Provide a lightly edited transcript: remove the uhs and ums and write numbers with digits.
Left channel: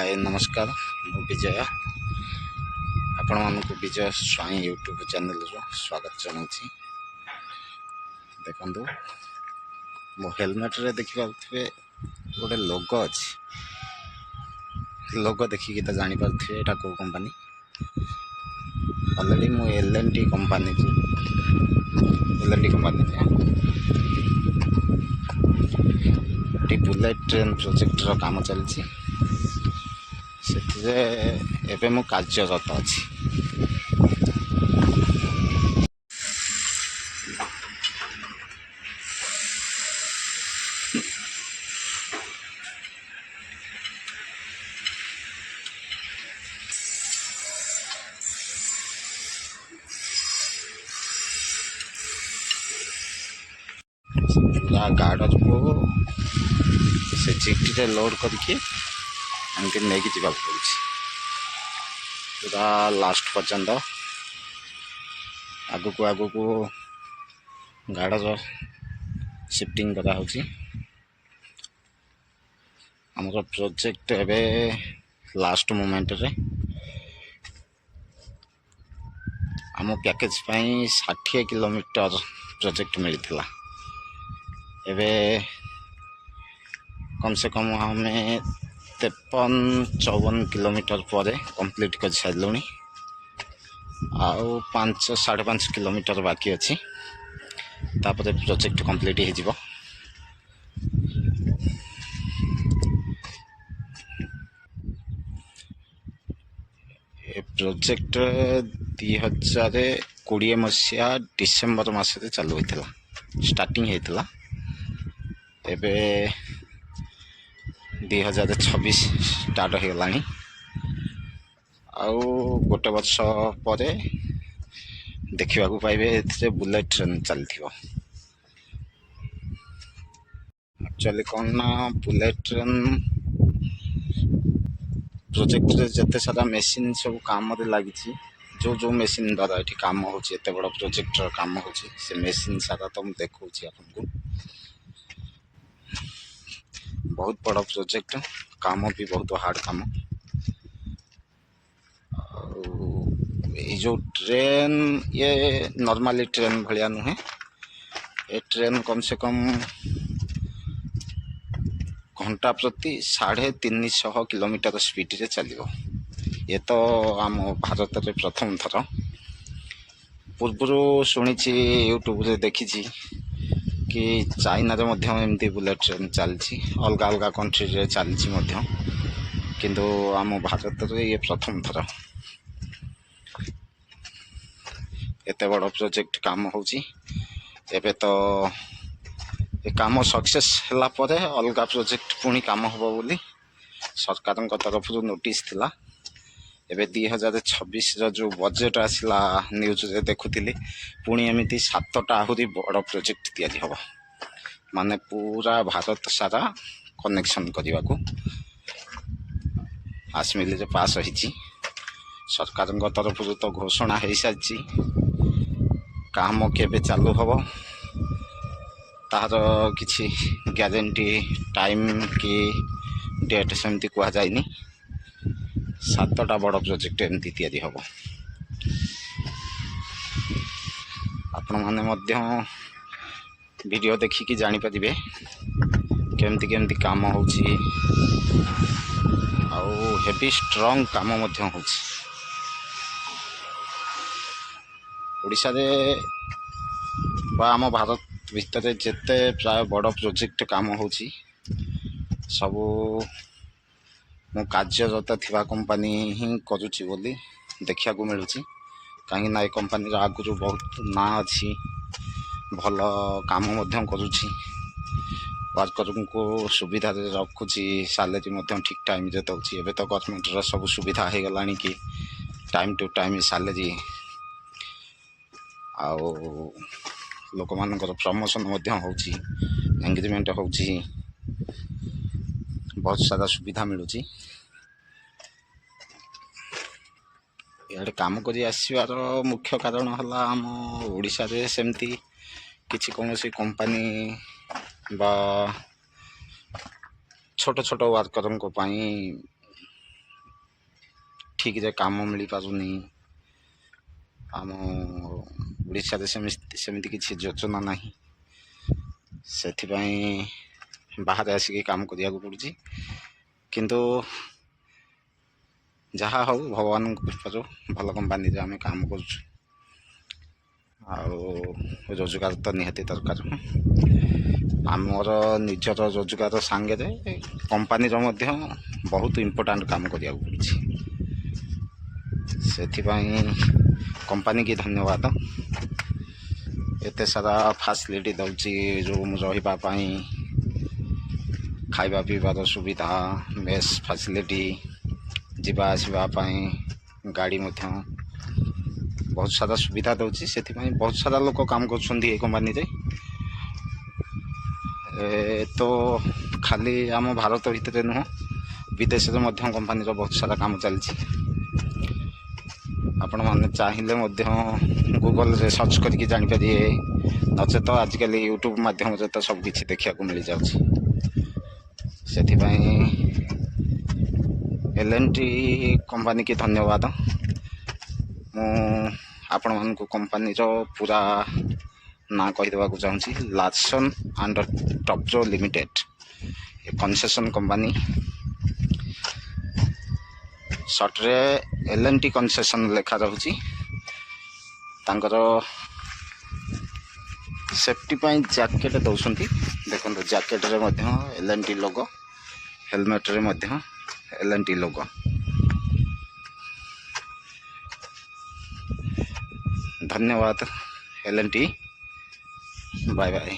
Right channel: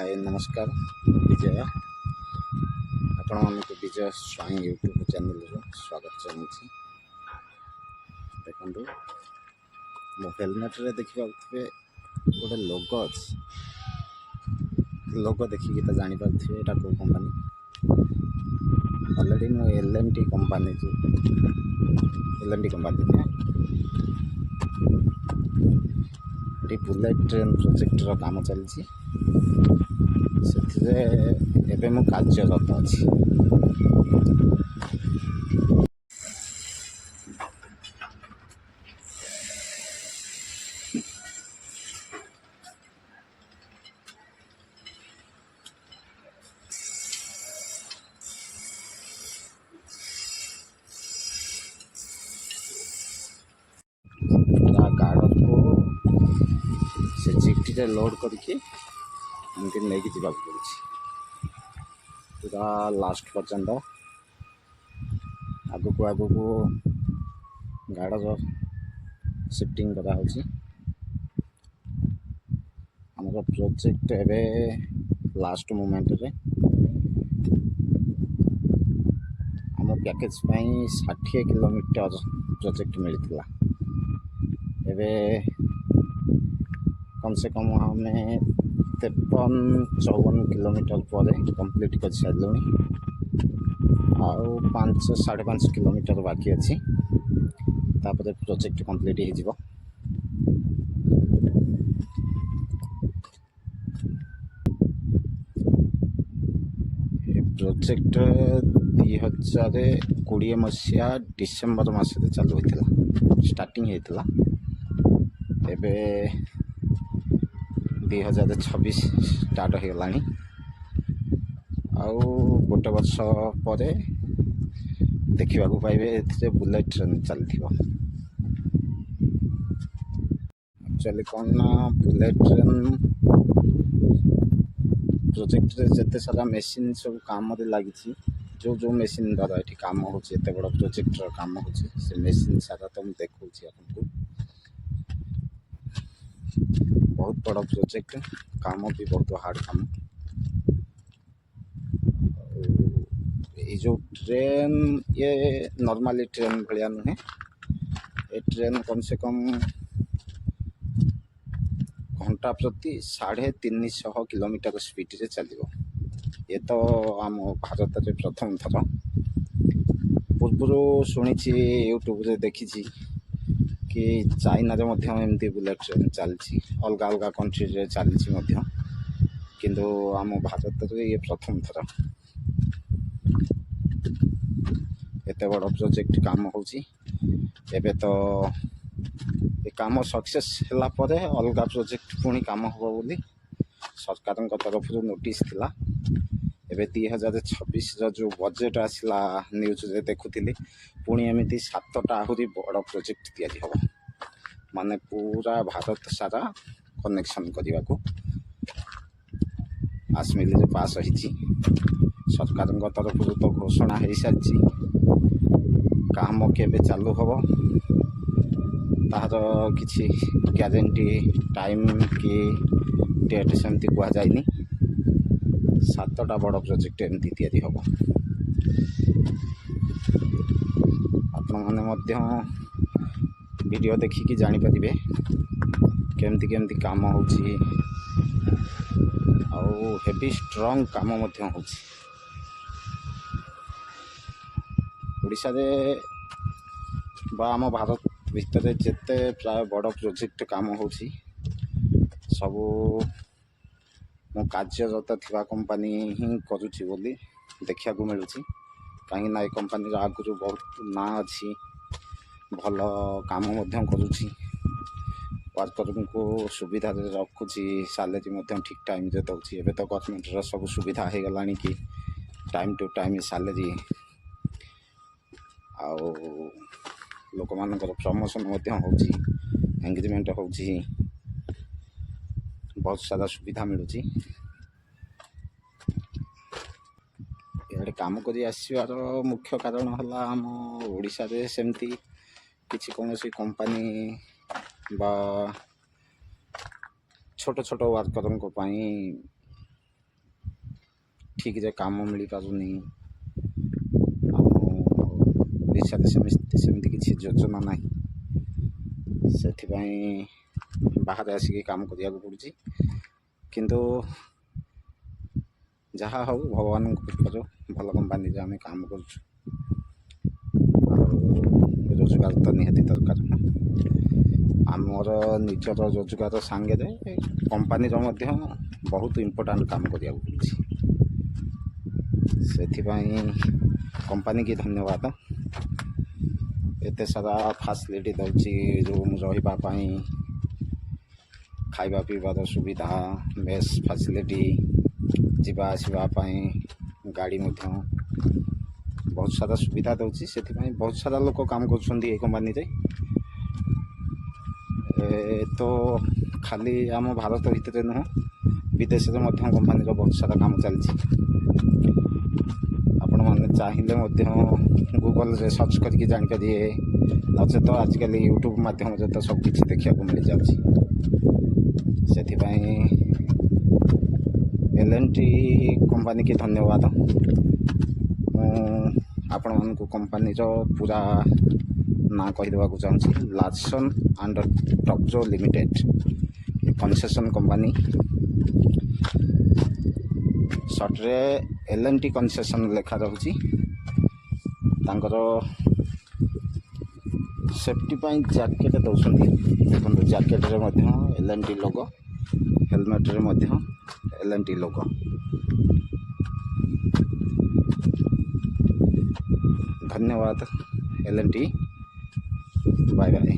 हाय नमस्कार विजय आपण मानक विजय स्वाई यूट्यूब चैनल स्वागत चाहूँगी। देखो मो हेलमेट रे देखिए गोटे लोगो अच्छी लोगो देखिकी तो जानीपे यहाँ कौ कंपानी ऑलरेडी मु L and T company bullet train project रो काम चलती से एबे मु कार्यरत अच्छी। पूरा गार्डर को से चिट्ठी लोड करके एमती नहीं जावाक पड़ी पूरा लास्ट पर्यंत आगु को गार्डर शिफ्टिंग करा होची। हमर प्रोजेक्ट एबे लास्ट मोमेंट रे आम पैकेज 60 किलोमीटर प्रोजेक्ट मिलता एबे कम से कम हमें 53-54 किलोमीटर पर कंप्लीट कर सारे आउ 5-5.5 किलोमीटर बाकी अच्छी तापर प्रोजेक्ट कंप्लीट हो। प्रोजेक्ट 2020 मसीहा डिसेम्बर मस चालू होता स्टार्टिंग होता एबे 2026 स्टार्ट हो गला आउ गोटे वर्ष पर देखा पाइबे बुलेट ट्रेन चलती। एक्चुअली कौन ना बुलेट ट्रेन प्रोजेक्ट रे जते सारा मेसीन सब काम लगी जो जो मेसीन द्वारा ये काम होते बड़ प्रोजेक्ट काम हो मेसीन सारा तो मुझे देखा आपको बहुत बड़ प्रोजेक्ट काम भी बहुत हार्ड काम। ये जो ट्रेन ये नॉर्मली ट्रेन भाया नुहे ये ट्रेन कम से कम घंटा प्रति 350 किलोमीटर स्पीड रे चलो। ये तो आम भारत में प्रथम थर पूर्व शुणी यूट्यूब रे देखी कि चाइना रे एमती बुलेट ट्रेन चलती अलग अलग कंट्री रे चलती किंतु आम भारत में ये प्रथम थर एत बड़ प्रोजेक्ट काम होची। एबे तो ये काम सक्सेस होला परे अलग प्रोजेक्ट पुणी काम हम बोली सरकार तरफ नोटिस थिला। एबे 2026 जो बजेट आसला न्यूज रे देखुली पुणी एमती 7टा आहरी बड़ प्रोजेक्ट तैयारी हम माने पूरा भारत सारा कनेक्शन करने को आसमिल रे पास होती सरकार तरफ तो घोषणा हो सारी काम केबे चालू हम तार किसी ग्यारंटी टाइम कि डेट सेमती कहुनी 7टा बड़ प्रोजेक्ट एमती तैयारी हम आपण मैंने वीडियो देखिकी जानीपारे केमती केमती काम होची आउ हेवी स्ट्रॉन्ग काम होची। ओडिशा रे बा आम भारत भितर जिते प्राय बड़ प्रोजेक्ट काम होची सबू मु कार्यरत थिबा कंपनी ही करुची बोली देखा मिलूँ कहीं ये कंपनी आगु बहुत ना अच्छी भल काम करुची वर्कर को सुविधा रखुची सैलरी ठीक टाइम रे दौची। एबे तो गवर्नमेंट रो सब सुविधा हो गला कि टाइम टू टाइम सैलरी आउ लोक मानकर प्रमोशन होची एंगेजमेंट होची बहुत सारा सुविधा मिलूँ। इे काम कर आसबार मुख्य कारण है आम ओडिशा रे सेमती किसी कौन सी कंपनी बा छोट छोट वर्कर ଠିକ୍ରେ କାମ ମିଳିପାରୁନି। ଆମ ଓଡ଼ିଶାରେ ସେମିତି କିଛି ଯୋଜନା ନାହିଁ, ସେଥିପାଇଁ ବାହାରେ ଆସିକି କାମ କରିବାକୁ ପଡ଼ୁଛି। କିନ୍ତୁ ଯାହା ହଉ ଭଗବାନଙ୍କ କୃପାରୁ ଭଲ କମ୍ପାନୀରେ ଆମେ କାମ କରୁଛୁ, ଆଉ ରୋଜଗାର ତ ନିହାତି ଦରକାର। ଆମର ନିଜର ରୋଜଗାର ସାଙ୍ଗରେ କମ୍ପାନୀର ମଧ୍ୟ ବହୁତ ଇମ୍ପୋର୍ଟାଣ୍ଟ କାମ କରିବାକୁ ପଡ଼ୁଛି। ସେଥିପାଇଁ କମ୍ପାନୀକି ଧନ୍ୟବାଦ। ଏତେ ସାରା ଫାସିଲିଟି ଦେଉଛି, ରୁମ୍ ରହିବା ପାଇଁ, ଖାଇବା ପିଇବାର ସୁବିଧା, ମେସ୍ ଫାସିଲିଟି, ଯିବା ଆସିବା ପାଇଁ ଗାଡ଼ି ମଧ୍ୟ ବହୁତ ସାରା ସୁବିଧା ଦେଉଛି। ସେଥିପାଇଁ ବହୁତ ସାରା ଲୋକ କାମ କରୁଛନ୍ତି ଏ କମ୍ପାନୀରେ। ତ ଖାଲି ଆମ ଭାରତ ଭିତରେ ନୁହଁ, ବିଦେଶରେ ମଧ୍ୟ କମ୍ପାନୀର ବହୁତ ସାରା କାମ ଚାଲିଛି। ଆପଣମାନେ ଚାହିଁଲେ ମଧ୍ୟ ଗୁଗଲରେ ସର୍ଚ୍ଚ କରିକି ଜାଣିପାରିବେ, ନଚେତ ଆଜିକାଲି ୟୁଟ୍ୟୁବ୍ ମାଧ୍ୟମରେ ତ ସବୁକିଛି ଦେଖିବାକୁ ମିଳିଯାଉଛି। ସେଥିପାଇଁ L&T କମ୍ପାନୀକି ଧନ୍ୟବାଦ। ମୁଁ ଆପଣମାନଙ୍କୁ କମ୍ପାନୀର ପୁରା ନାଁ କହିଦେବାକୁ ଚାହୁଁଛି, Larsen and Toubro limited, concession company. ସର୍ଟରେ L&T କନସେସନ୍ ଲେଖା ରହୁଛି। ତାଙ୍କର ସେଫ୍ଟି ପାଇଁ ଜ୍ୟାକେଟ୍ ଦେଉଛନ୍ତି, ଦେଖନ୍ତୁ ଜ୍ୟାକେଟ୍ରେ ମଧ୍ୟ L&T ଲୋଗୋ, ହେଲମେଟ୍ରେ ମଧ୍ୟ L&T ଲୋଗୋ। ଧନ୍ୟବାଦ L&T, ବାଏ ବାଏ।